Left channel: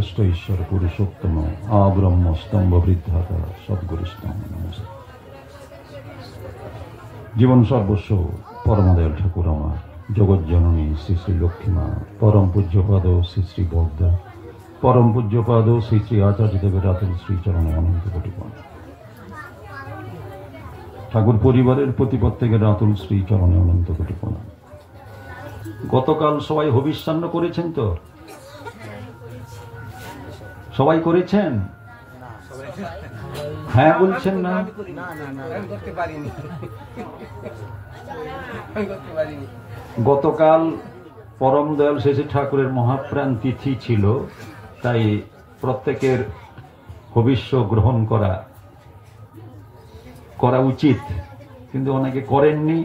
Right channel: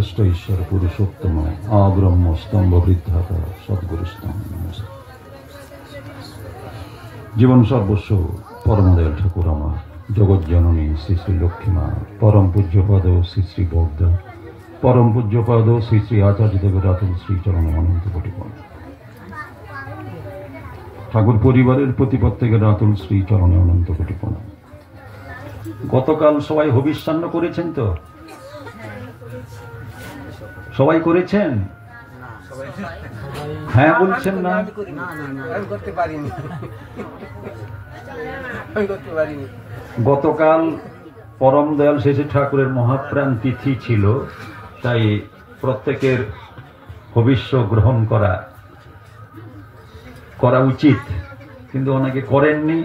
সর্বশ্রেষ্ঠ ঈশ্বর পুরুষোত্তম আব্রহ্ম স্তম্ভ বৃদ্ধাতা সদ্গুরু স্তম্ভ জীবন সর্বস্ব পরমদয়াল ঠাকুর আমার জগৎ জননী শ্রী শ্রী লক্ষ্মীমা, পরম পূজ্যপদ শ্রী শ্রী বর্দা, পরম পূজ্যপদ শ্রী শ্রী আচার্য দেবের রাতুল শ্রীচরণে অনন্ত কোটি প্রণাম। ঠাকুর পরিবারের প্রতি প্রত্যেকের রাতুল শ্রীচরণে অনন্ত কোটি প্রণাম। গতকাল সবাই হবিষ্যান্ন করেছেন তো? সবাই করেছেন? হ্যাঁ বলছেন না? গতকাল পরম দয়াল শেষে ঠাকুরের মহাপ্রাণ তিথি ছিল, তাই প্রত্যেকের ভবিষ্য গ্রহণ করা উচিত, কিন্তু অনেকে করেননি,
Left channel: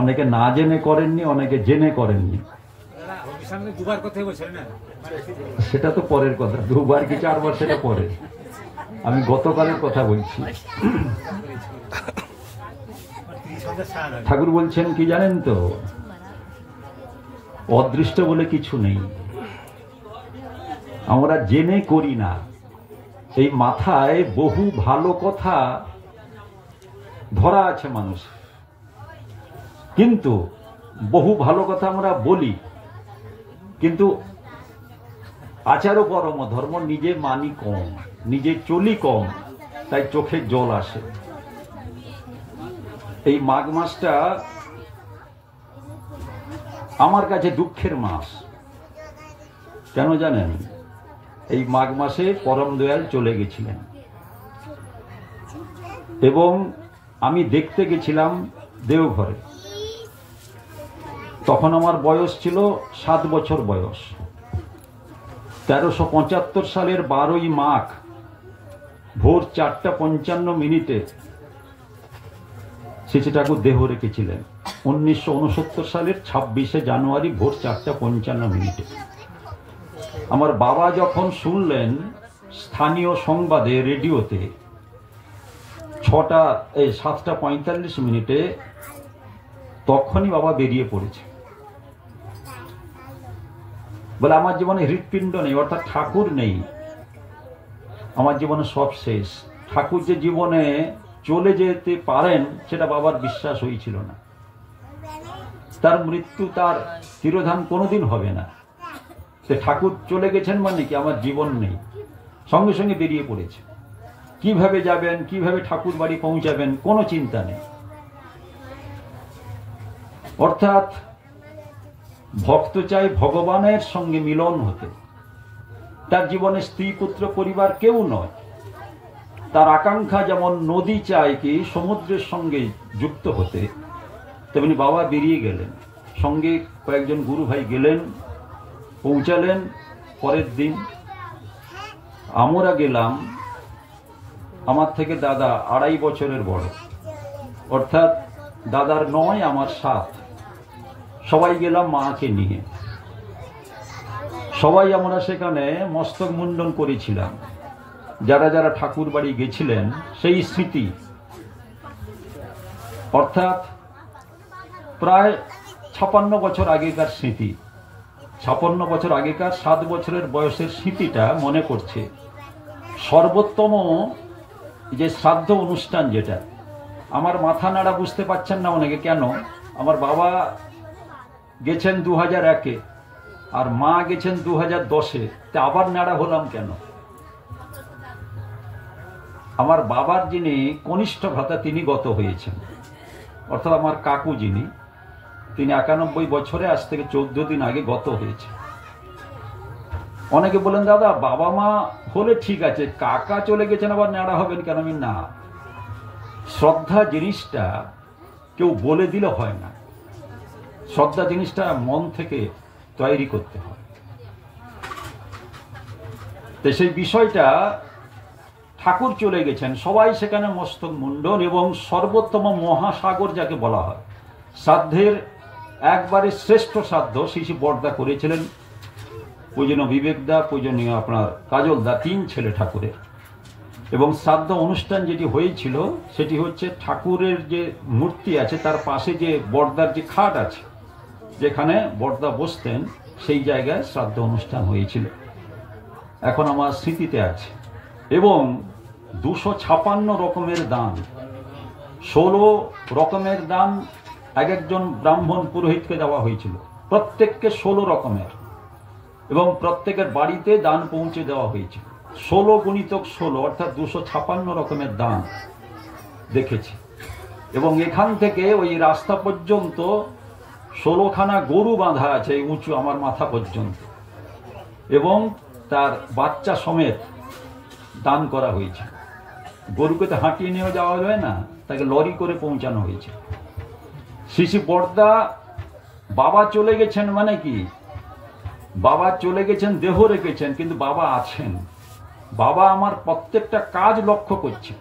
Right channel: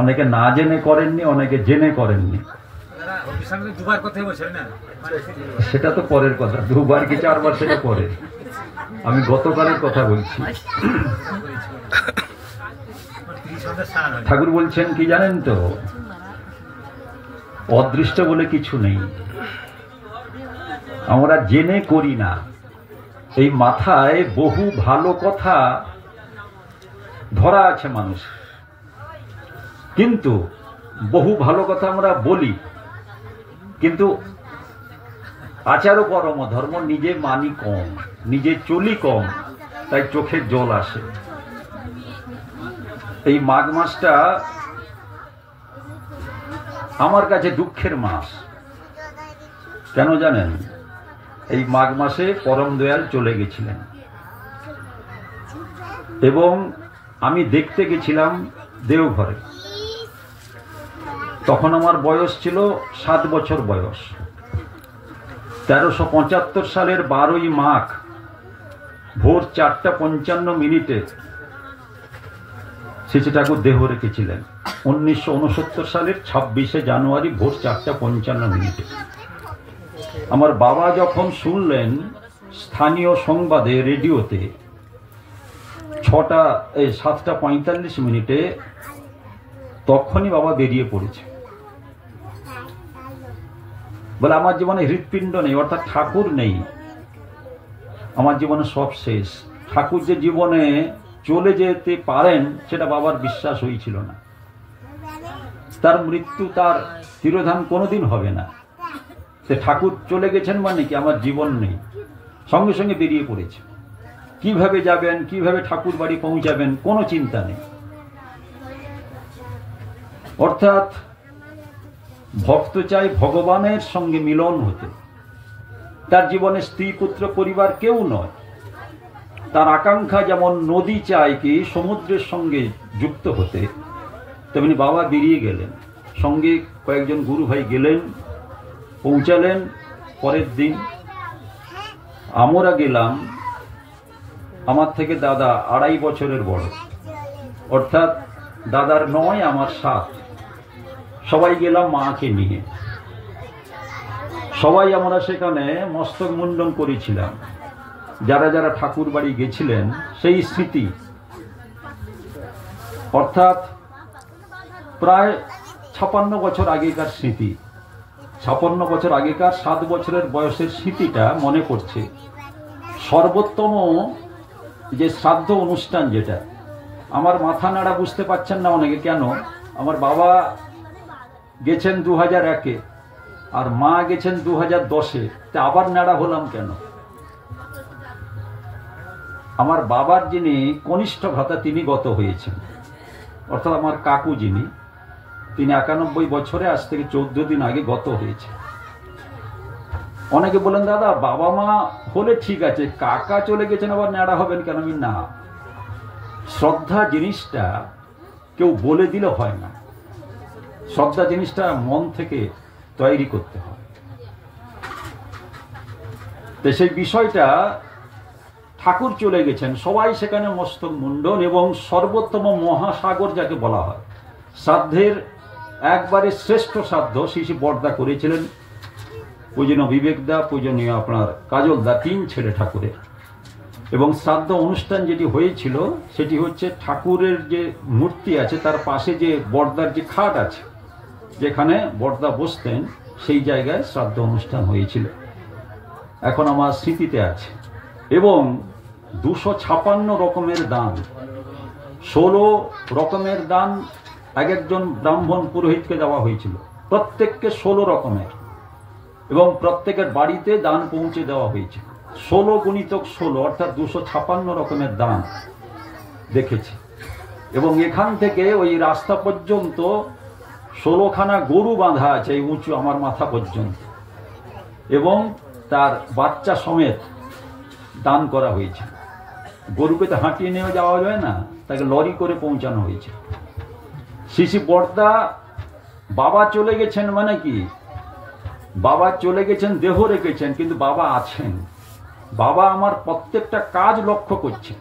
অনেকে না জেনে করেননি, অনেকে জেনে করেননি। সেটা তো পরের কথা, দুবার কি চারবার সেটা পরে। আমি গতকালের কথা বলছি। ঠাকুর বলছেন কি জানেন তো, অদৃষ্ট বলে কিছু নেই, আমরা জেনে করি না। এই মাথায় বহু ভালো কথা ধরা আছে মানুষ, কিন্তু বহু ভালো কথা আমরা বলি, কিন্তু আচার পরম ধর্ম নিজে মানি কম, নিজে চলি কম, তাই চোখে জল আসে। এই মাঘ মাসটা আমার কাছে দুঃখের মাস। কেন জানেন? এই মাঘ মাসে পরম দয়াল চলে গেছিলেন এবং আমি দেখতে গেছিলাম দেওঘরে। তখন আমার বয়স ছিল 7 বছর বয়স। 1375 সালের 12ই মাঘ ভোর 4:55 শ্রী ঠাকুর দেহ রেখেছিলেন। 1969 সালের 26শে জানুয়ারি ভোর 4:55। আমার বাবা যখন শুনলেন স্থানীয় সংবাদে রেডিওতে 7:45 তখনই বাবা বেরিয়ে পড়েছে। বলে আমার জীবনে হৃৎপিণ্ড নেই, অর্থাৎ ঠাকুর নেই, আমার জীবনে সব শেষ। ঠাকুর যে জীবনে চলে যেতে পারেন সেটা বাবার বিশ্বাস হয়েছিল না। তার মৃত্যু, তার তিরোধান কোনোদিন হবে না। সে ঠাকুর চলে গেছেন মানে কি আমার জীবন নেই। সঙ্গে সঙ্গে বেরিয়ে পড়েছে। কিভাবে যাবেন, কিভাবে ঠাকুর বাড়ি পৌঁছাবেন, কোনো চিন্তা নেই। অর্থাৎ ভক্ত চাই ভগবানের সঙ্গে মিলন হতে। তার জীবনে স্ত্রী পুত্র পরিবার কেউ নয়। তার আকাঙ্ক্ষা যেমন নদী চায় কি সমুদ্রের সঙ্গে যুক্ত হতে, তেমনি বাবা বেরিয়ে গেলেন। সঙ্গে কয়েকজন গুরু ভাই গেলেন, পৌঁছালেন পরের দিন। আমরা গেলাম, আমার থেকে দাদা 2.5 বছরের বড়, অর্থাৎ দাদার 9 আমার 7। সবাই গেলাম মাকে নিয়ে। সবাই আমরা সেখানে মস্তক মুন্ডন করেছিলাম। যারা যারা ঠাকুর বাড়ি গেছিলেন সেই স্মৃতি, অর্থাৎ প্রায় 56 বছর আগেকার স্মৃতি। 56 বছর আগেকার 7 বছরের বয়সের স্মৃতিটা মনে করছে। সর্বোত্তম যে শ্রাদ্ধ অনুষ্ঠান, যেটা আমার মাথা নাড়া, বুঝতে পারছেন না অনেকে কেন। আমার বাবা গেছেন 2001-এ আর মা গেছেন 2010-এ, তা আবার নাড়া হলাম কেন? আমার বাবার যিনি কনিষ্ঠ ভ্রাতা তিনি গত হয়েছেন, অর্থাৎ আমার কাকু যিনি, তিনি 91 বছরে আজ থেকে 14 দিন আগে গত হয়েছে। অনেকে বলেন দাদা বাবা মা হলে ঠিক আছে, কাকা চলে গেছেন আবার ন্যাড়া হবেন কেন? আমি না, শ্রদ্ধা জিনিসটা কেউ বলে দিলে হয় না। শ্রদ্ধা জিনিসটা মন থেকে তৈরি করতে হয়। তো সেই বিষয়টা, ঠাকুর চলে গেছেন, সবাই সেখানে মস্তক মুন্ডন এবং সর্বোত্তম মহাসাগর যাকে বলা হয়, শ্রাদ্ধের একবারে শ্রেষ্ঠ শ্রাদ্ধ শ্রী বর্দা করেছিলেন। পূজনীয় বিবেকদা, পূজনীয় আপনার কাজলদা, 3 ছেলে ঠাকুরের। এবং শ্রাদ্ধ অনুষ্ঠান যেটি হয়েছিল সেটি হচ্ছে ঠাকুরের যে মূর্তি আছে তার পাশে যে বর্দার যে খাট আছে, যেখানে বর্দা বসতেন, সেই জায়গায় শ্রাদ্ধ অনুষ্ঠান হয়েছিল। এখন আমার স্মৃতিতে আছে। এবং 256 রকমের দান, 16 রকমের দান এক একজন ব্রাহ্মণ পুরোহিতকে দেওয়া হয়েছিল, প্রত্যেককে 16 রকমের, এবং প্রত্যেকের বাড়িতে দান পৌঁছে দেওয়া হয়েছিল। 16 গুণিতক 16 অর্থাৎ 256 রকমের দান দেখেছি। এবং এখান থেকে ওই রাস্তা পর্যন্ত 16খানা গরু বাঁধা আছে উঁচু আমার মাথা পর্যন্ত, এবং তার বাচ্চা সমেত দান করা হয়েছে। গরুকে তো হাঁটিয়ে নিয়ে যাওয়া যায় না, তাকে লরি করে পৌঁছানো হয়েছে। শিশি বর্দা বাবা চলে গেছেন, মানে কি বাবা চলে গেছেন, দেহ রেখেছেন, কিন্তু বাবা আছেন। বাবা আমার প্রত্যেকটা কাজ লক্ষ্য করছেন।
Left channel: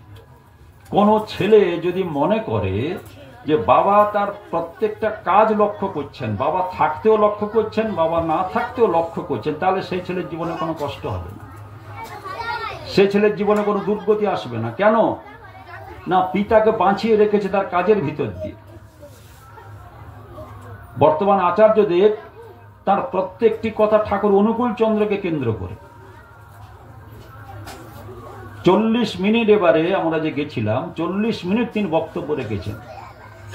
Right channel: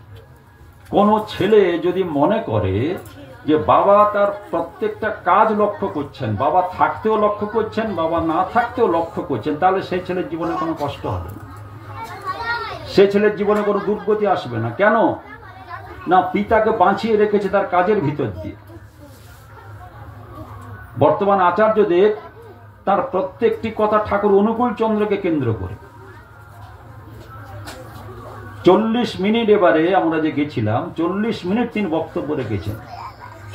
কোন ছেলে যদি মনে করে যে বাবা তার প্রত্যেকটা কাজ লক্ষ্য করছেন, বাবা থাকতেও লক্ষ্য করছেন, বাবা না থাকতেও লক্ষ্য করছেন, তাহলে সেই ছেলের জীবনে কোনো কষ্ট হবে না, সে ছেলের জীবনে কোনো দুর্গতি আসবে না। কেন না, পিতাকে বাঁচিয়ে রেখেছে তার কাজের ভিতর দিয়ে। বর্তমান আচার্যদেব তার প্রত্যেকটি কথা ঠাকুর অনুকূল চন্দ্রকে কেন্দ্র করে। 40 মিনিট এবারে আমরা যে গেছিলাম, 40 মিনিট তিনি বক্তব্য রেখেছেন,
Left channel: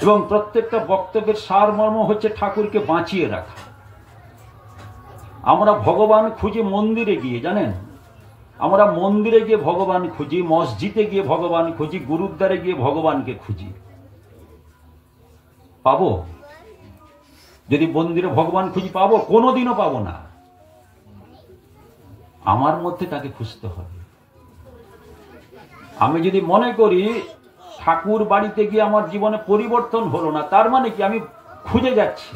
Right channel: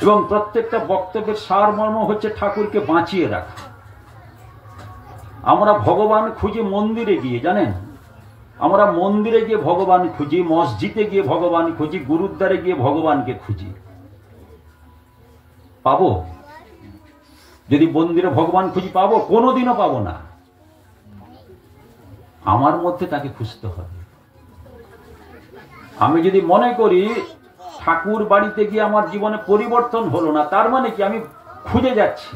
এবং প্রত্যেকটা বক্তব্যের সারমর্ম হচ্ছে ঠাকুরকে বাঁচিয়ে রাখা। আমরা ভগবান খুঁজি মন্দিরে গিয়ে, জানেন, আমরা মন্দিরে গিয়ে ভগবান খুঁজি, মসজিদে গিয়ে ভগবান খুঁজি, গুরুদ্বারে গিয়ে ভগবানকে খুঁজি। পাবো? যদি মন্দিরে ভগবান খুঁজি পাবো? কোনোদিনও পাবো না। আমার মধ্যে তাকে খুঁজতে হবে। আমি যদি মনে করি ঠাকুর বাড়িতে গিয়ে আমার জীবনে পরিবর্তন হলো না, তার মানে কি আমি খুঁজে যাচ্ছি।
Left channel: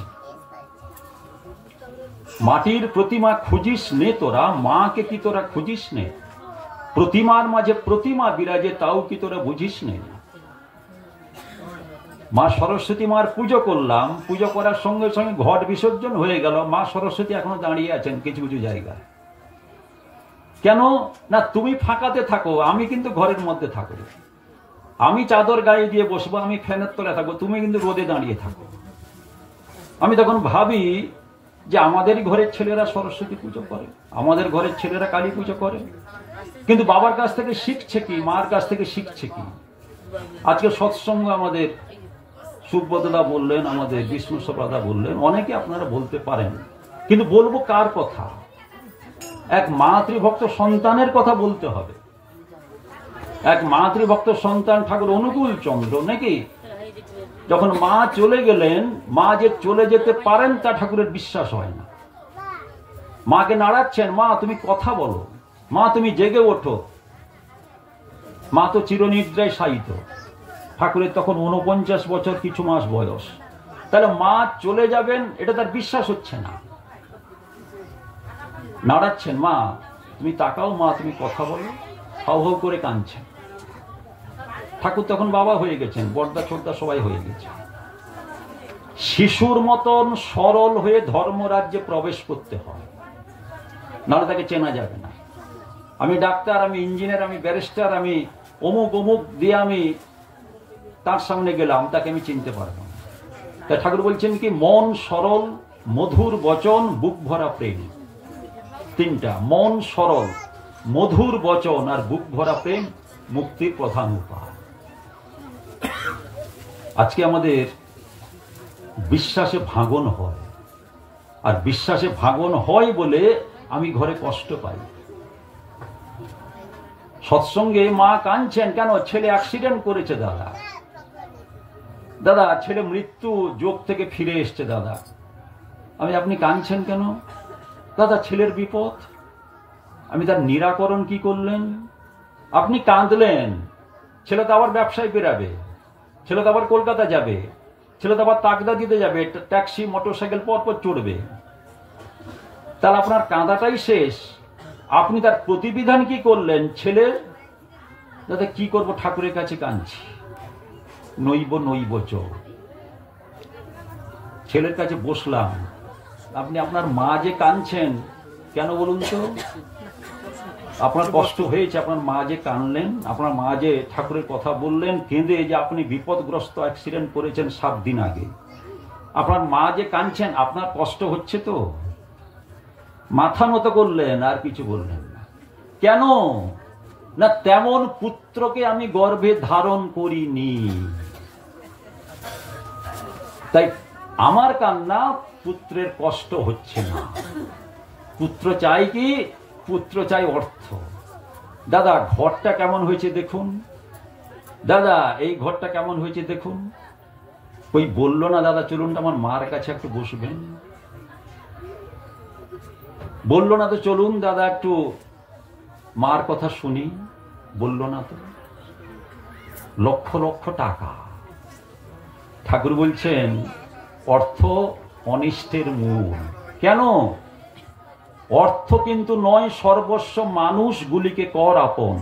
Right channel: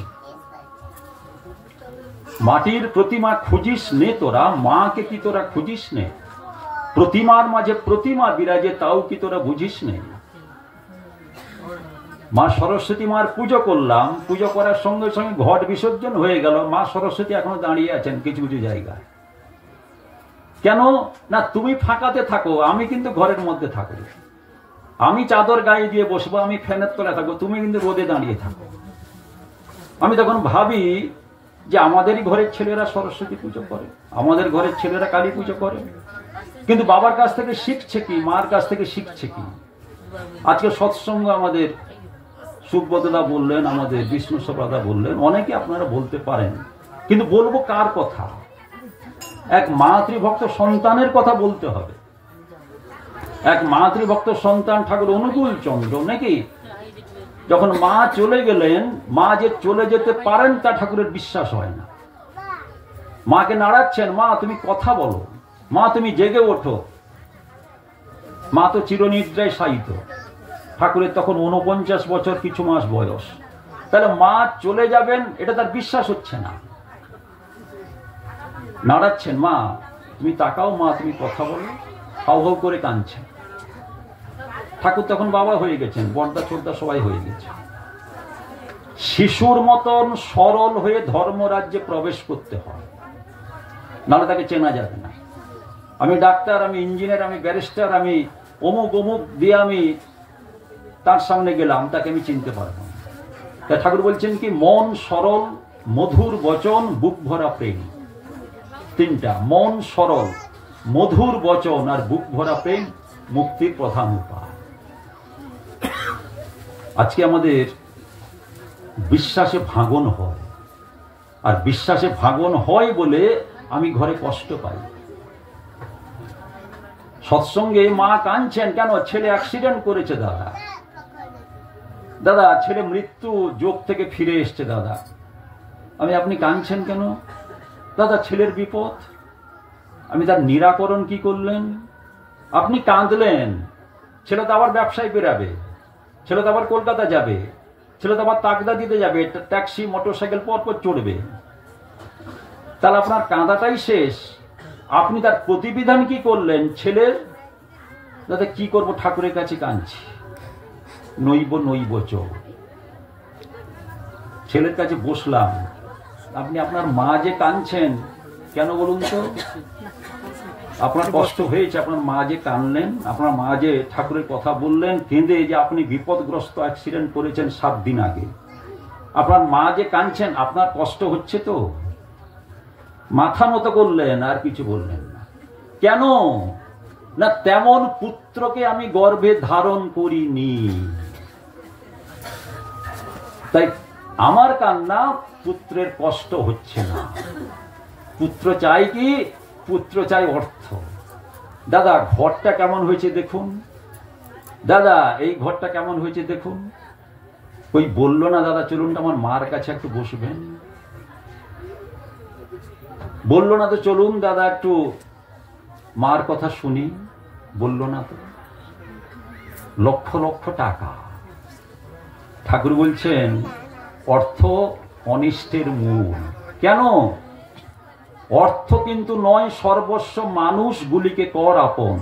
মাটির প্রতিমা খুঁজিস নে তোরা, মাকে কি তোরা খুঁজিস নে? প্রতিমার মাঝে প্রতিমা বিরাজে, তাও কি তোরা বুঝিস নে? মা সরস্বতী মার পুজো করলাম, পুজো করার সঙ্গে সঙ্গে ঘট বিসর্জন হয়ে গেল, মা সরস্বতী এখনো দাঁড়িয়ে আছেন কিছু কিছু জায়গায়। কেন না, তুমি ফাঁকাতে থাকো, আমি কিন্তু ঘরের মধ্যে থাকো। আমি চাদর গায়ে দিয়ে বসবো, আমি ফ্যানের তলায় থাকবো, তুমি কিন্তু রোদে দাঁড়িয়ে থাকো। আমি তখন ভাবি যে আমাদেরই ঘরের ছেলেরা সরস্বতী পুজো করে, আমাদের ঘরের ছেলেরা কালী পুজো করে, কিন্তু বাবার কাছ থেকে শিখছে কি, মার কাছ থেকে শিখছে কি? আজকে সৎসঙ্গ আমাদের সুব্রতদা বললেন, আমাদের বিষ্ণু সপ্রদা বললেন, অনেকে আপনারা বলতে পারেন, কিন্তু বলবো কার কথা? এক মাতৃভক্ত সন্তানের কথা বলতে হবে। এক মাতৃভক্ত সন্তান ঠাকুর অনুকূল চন্দ্র, নাকি? যখন মা চলে গেলেন, মা যে চলে যেতে পারেন তা ঠাকুরের বিশ্বাস হয় না। মাকে নাড়াচ্ছেন, মা তুমি কথা বলো, মা তুমি জেগে ওঠো। মা তো চিরনিদ্রায় শায়িত। ঠাকুরের তখন 49 বছর কিছু মাস বয়স। তাহলে মা চলে যাবেন এটা তার বিশ্বাস হচ্ছে না। নাড়াচ্ছেন, মা তুমি তাকাও, মা তুমি কথা বলো, হাউ হাউ করে কাঁদছেন। ঠাকুর তখন বাবা হয়ে গেছেন, বড়দা ছোটদা সবাই হয়ে গেছে। শিশুর মতন সরল হয়ে ধর্মরাজ্যে প্রবেশ করতে হয়, নাহলে তাকে চেনা যাবে না। আমি ডাক্তার, আমি ইঞ্জিনিয়ার, আমি ব্যারিস্টার, আমি অমুক অমুক দিয়ে আমি তার সামনে গেলাম, তাকে আমি চিনতে পারবো না। তা ঠাকুর বলছেন কি, মন সরল, মধুর বচন, বুক ভরা প্রেম। তিনটা, মন সরল, মধুর বচন আর বুক ভরা প্রেম মুক্তির প্রধান উপায়। আজকে আমাদের বিশ্বাসে ভাঙন হয়, আর বিশ্বাসে ভাঙন হয় বলে আমি ঘরে কষ্ট পাই। সৎসঙ্গে মা কাঁদছেন, কেন? ছেলে অ্যাক্সিডেন্ট করেছে দাদা, দাদা ছেলে মৃত্যু যোগ থেকে ফিরে এসছে দাদা। আপনি কাঁদছেন কেন? দাদা ছেলের বিপদ। আমি তার নিরাকরণ কি করলেন? আপনি কাঁদলেন, ছেলে তো আবার ব্যবসায় বেরাবে, ছেলে তো আবার কলকাতা যাবে, ছেলে তো আবার তাকদা দিতে যাবে, ট্যাক্সি মোটরসাইকেল পরপর চড়বে, তাহলে আপনার কাঁদাটাই শেষ। আপনি তার প্রতিবিধান কি করলেন? ছেলের দাদা কি করব, ঠাকুরের কাছে কাঁদছি, নইব নইব চ। ছেলের কাছে বসলাম। আপনি আপনার মা যে কাঁদছেন কেন বলুন তো? আপনার কষ্ট হয়েছে, আপনার মা যে কাঁদলেন, আপনার মা যে ঠাকুরের কথা বললেন কেঁদে, যে আপনি বিপদগ্রস্ত অ্যাক্সিডেন্ট করেছেন 7 দিন আগে, আপনার মা যে কাঁদছেন, আপনার কষ্ট হচ্ছে তো? মাথা নত করলেন, আর কিছু বললেন না। কেন না তেমন পুত্রকে আমি গর্ভে ধারণ করিনি। তাই আমার কান্না পুত্রের কষ্ট হচ্ছে না। পুত্র চাই কি? পুত্র চাই অর্থ। দাদা ঘরটা কেমন হয়েছে দেখুন, দাদা এই ঘরটা কেমন হয়েছে দেখুন। ওই বললো না দাদা চলুন আমার মার কাছে একটু বসবেন, বললো না তো চলুন দাদা একটু মার কথা শুনি, বললো না তো। লক্ষ লক্ষ টাকা। ঠাকুর বলছেন অর্থ অনিষ্টের মূল। কেন? অর্থ কিন্তু নয় সর্বস্ব, মানুষগুলিকে কর আপন,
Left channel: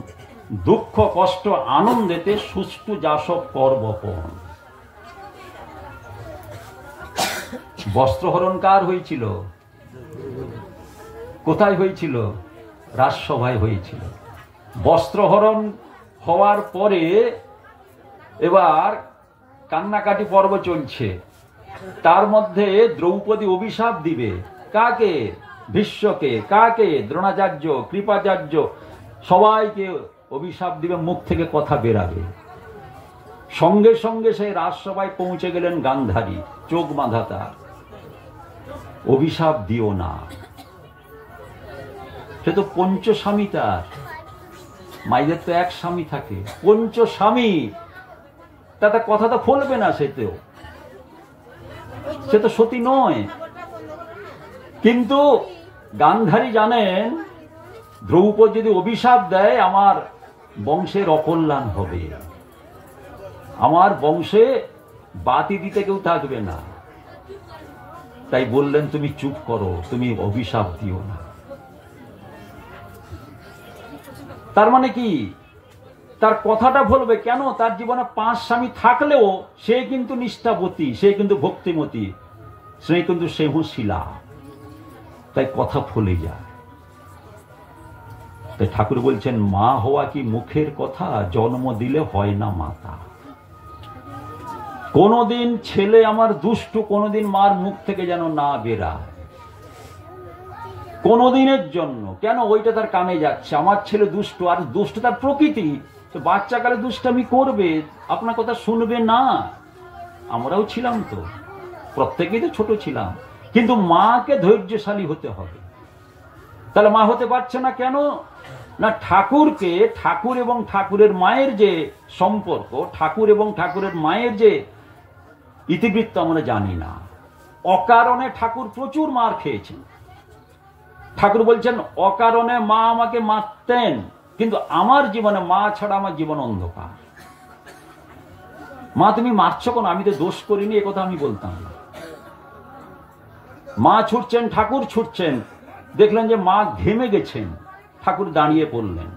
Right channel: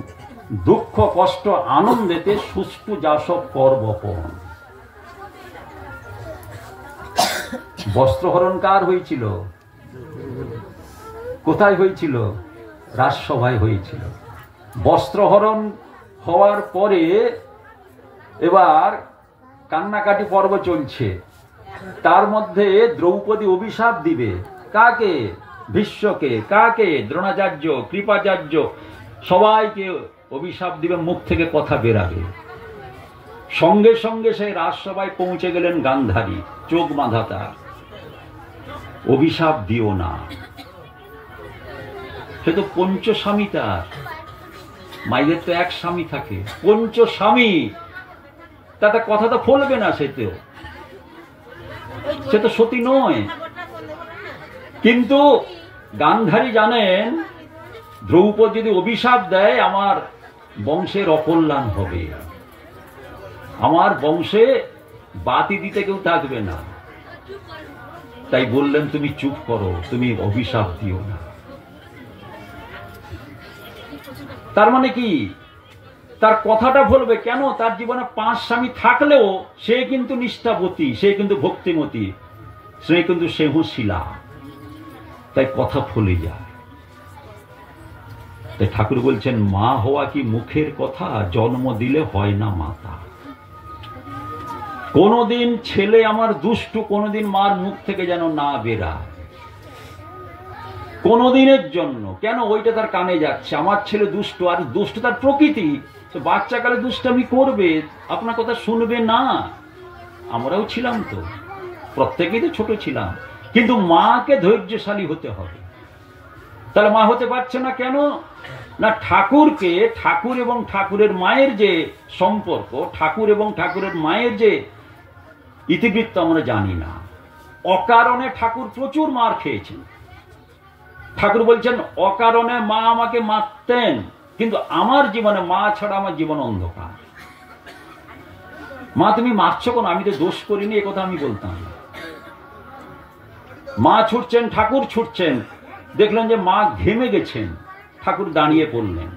দুঃখ কষ্ট আনন্দেতে সুষ্ঠু যা সব কর বপন। বস্ত্রহরণ কার হয়েছিল? কোথায় হয়েছিল? রাজসভায় হয়েছিল। বস্ত্রহরণ হওয়ার পরে এবার কান্নাকাটি পর্ব চলছে। তার মধ্যে দ্রৌপদী অভিশাপ দিবে। কাকে? ভীষ্মকে। কাকে? দ্রোণাচার্য, কৃপাচার্য, সবাইকে অভিশাপ দিবে, মুখ থেকে কথা বেরাবে। সঙ্গে সঙ্গে সেই রাজসভায় পৌঁছে গেলেন গান্ধারী, চোখ বাঁধা তার। অভিশাপ দিও না। সে তো পঞ্চস্বামী, তার মায়েদের তো এক স্বামী থাকে, পঞ্চস্বামী, তাতে কথা তো ফলবে না। সে তো সতী নয়। কিন্তু গান্ধারী জানেন দ্রৌপদী যদি অভিশাপ দেয় আমার বংশের অকল্যাণ হবে, আমার বংশে বাতি দিতে কেউ থাকবে না। তাই বললেন তুমি চুপ করো, তুমি অভিশাপ দিও না। তার মানে কি? তার কথাটা বলবে কেন? তার জীবনে 5 স্বামী থাকলেও সে কিন্তু নিষ্ঠাবতী, সে কিন্তু ভক্তিমতী, সে কিন্তু সেহুশীলা। তাই কথা ফলে যায়। তাই ঠাকুর বলছেন মা হওয়া কি মুখের কথা, জন্ম দিলে হয় না মাতা। কোনদিন ছেলে আমার দুষ্টু, কোনদিন মার মুখ থেকে যেন না বেরায়, কোনদিনের জন্য। কেন? ওইটা তার কানে যাচ্ছে, আমার ছেলে দুষ্টু, আর দুষ্ট তার প্রকৃতি। বাচ্চাকালে দুষ্টামি করবে, আপনার কথা শুনবে না। আমরাও ছিলাম তো, প্রত্যেকেই তো ছোট ছিলাম। কিন্তু মাকে ধৈর্যশালী হতে হবে। তাহলে মা হতে পারছে না কেন? না ঠাকুরকে, ঠাকুর এবং ঠাকুরের মায়ের যে সম্পর্ক, ঠাকুর এবং ঠাকুরের মায়ের যে ইতিবৃত্ত আমরা জানি না। অকারণে ঠাকুর প্রচুর মার খেয়েছেন। ঠাকুর বলছেন অকারণে মা আমাকে মারতেন, কিন্তু আমার জীবনে মা ছাড়া আমার জীবন অন্ধকার। মা তুমি মারছো কেন? আমি তো দোষ করিনি, এ কথা আমি বলতাম। মা ছুটছেন, ঠাকুর ছুটছেন, দেখলেন যে মা ঘেমে গেছেন, ঠাকুর দাঁড়িয়ে পড়লেন।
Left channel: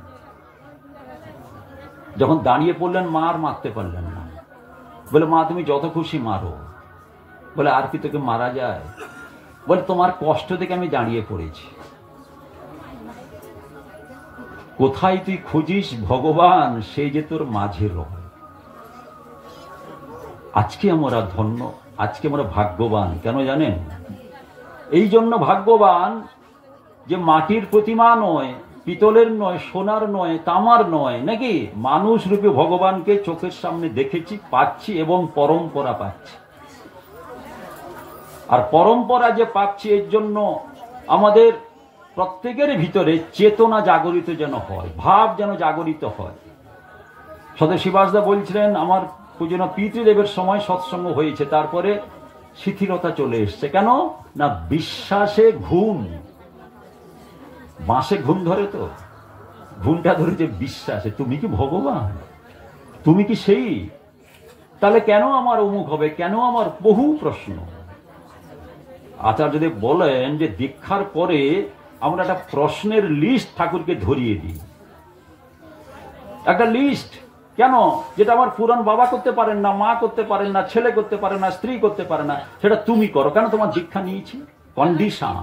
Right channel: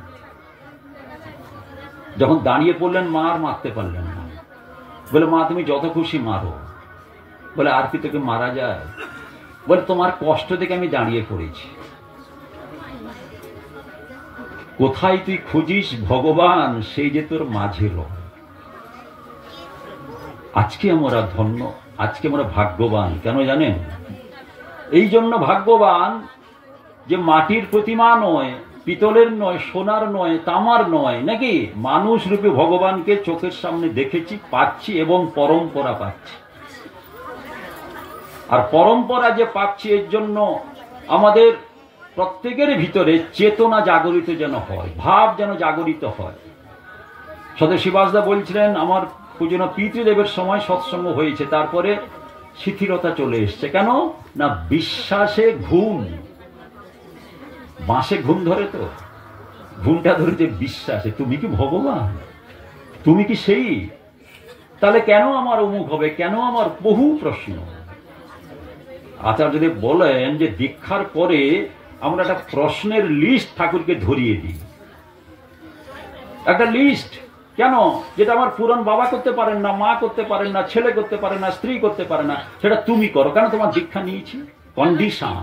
যখন দাঁড়িয়ে পড়লেন মা আর মারতে পারলেন না। বলে মা তুমি যত খুশি মারো। বলে আর কি তোকে মারা যায়? বলে তোমার কষ্ট দেখে আমি দাঁড়িয়ে পড়েছি। কোথায় তুই খুঁজিস ভগবান, সেই যে তোর মাঝে রয়। আজকে আমরা ধন্য, আজকে আমরা ভাগ্যবান। কেন জানেন? এই জন্য ভাগ্যবান যে মাটির প্রতিমা নয়, পিতলের নয়, সোনার নয়, তামার নয়, নাকি মানুষ রূপে ভগবানকে চোখের সামনে দেখেছি, পাচ্ছি এবং পরম্পরা পাচ্ছি। আর পরম্পরা যে পাচ্ছি, এর জন্য আমাদের প্রত্যেকের ভিতরে চেতনা জাগরিত যেন হয়, ভাব যেন জাগরিত হয়। সদা শিবাসদা বলছিলেন আমার পূজনীয় পিতৃদেবের সময় সৎসঙ্গ হয়েছে, তারপরে শিথিলতা চলে এসছে। কেন না? বিশ্বাসে ঘুম, বাঁশে ঘুম ধরে তো, ঘুমটা ধরেছে বিশ্বাসে। তুমি কি ভগবান? তুমি কি সেই? তাহলে কেন আমার অমুক হবে? কেন আমার? বহু প্রশ্ন। আচার্যদেব বলেন যে দীক্ষার পরে আমরা একটা প্রশ্নের লিস্ট ঠাকুরকে ধরিয়ে দিই, একটা লিস্ট। কেন? যেটা আমার পুরান বাবা করতে পারেন না, মা করতে পারেন না, ছেলে করতে পারে না, স্ত্রী করতে পারে না, সেটা তুমি করো। কেন? তোমার দীক্ষা নিয়েছি। কন্ডিশন।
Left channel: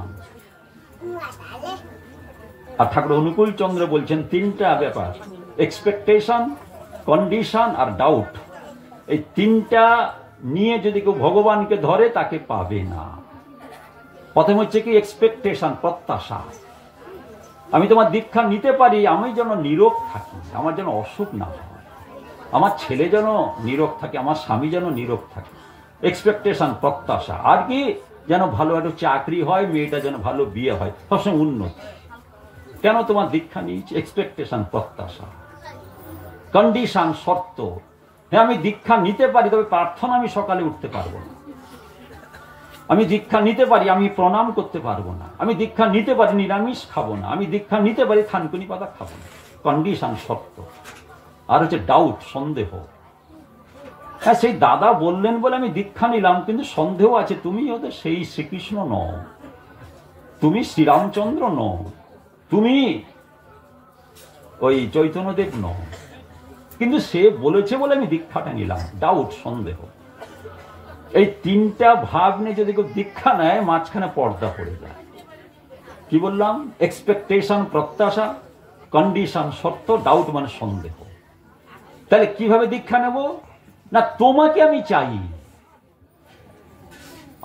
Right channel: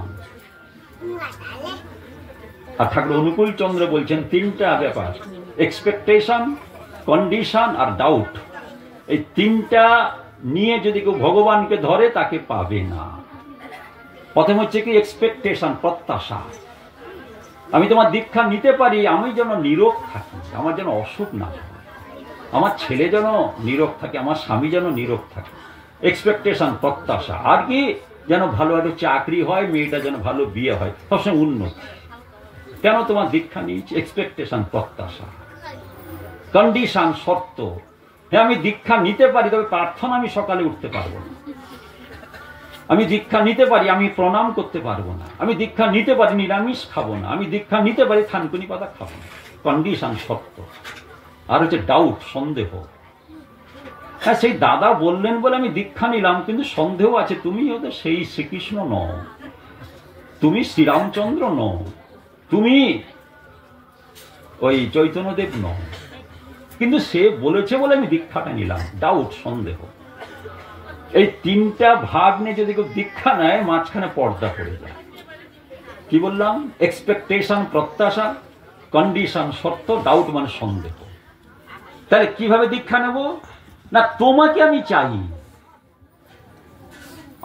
আর ঠাকুর অনুকূল চন্দ্র বলছেন 3টা ব্যাপার, এক্সপেকটেশন, কন্ডিশন আর ডাউট। এই 3টা নিয়ে যদি কেউ ভগবানকে ধরে তাকে পাবে না। প্রথম হচ্ছে কি? এক্সপেকটেশন, প্রত্যাশা। আমি তোমার দীক্ষা নিতে পারি, আমি যেন নীরোগ থাকি, আমার যেন অসুখ না হয়, আমার ছেলে যেন নীরোগ থাকে, আমার স্বামী যেন নীরোগ থাকে, এক্সপেকটেশন, প্রত্যাশা। আর কি, যেন ভালো একটা চাকরি হয়, মেয়েটা যেন ভালো বিয়ে হয়, সবসময় উন্নতি। কেন তোমার দীক্ষা নিয়েছি? এক্সপেকটেশন, প্রত্যাশা, কন্ডিশন, শর্ত। হ্যাঁ, আমি দীক্ষা নিতে পারি, তবে প্রার্থনা আমি সকালে উঠতে পারবো না। আমি দীক্ষা নিতে পারি, আমি প্রণাম করতে পারবো না। আমি দীক্ষা নিতে পারি, নিরামিষ খাবো না। আমি দীক্ষা নিতে পারি, থানকুনি পাতা খাবো না। কন্ডিশন, শর্ত। আর হচ্ছে ডাউট, সন্দেহ। হ্যাঁ, সেই দাদা বললেন বলে আমি দীক্ষা নিলাম, কিন্তু সন্দেহ আছে, তুমি ওদের সেই শ্রীকৃষ্ণ নও, তুমি শ্রীরামচন্দ্র নও, তুমি ওই চৈতন্যদেব নও। কিন্তু সে বলেছে বলে আমি দীক্ষাটা নিলাম। ডাউট, সন্দেহ, এই তিনটা ভাগ নিয়ে যদি কেউ দীক্ষা নেয়, মাঝখানে পর্দা পড়ে যায়। কি বললাম? এক্সপেকটেশন, প্রত্যাশা, কন্ডিশন, শর্ত, ডাউট মানে সন্দেহ। তাহলে কিভাবে দীক্ষা নেব? না, তোমাকে আমি চাই,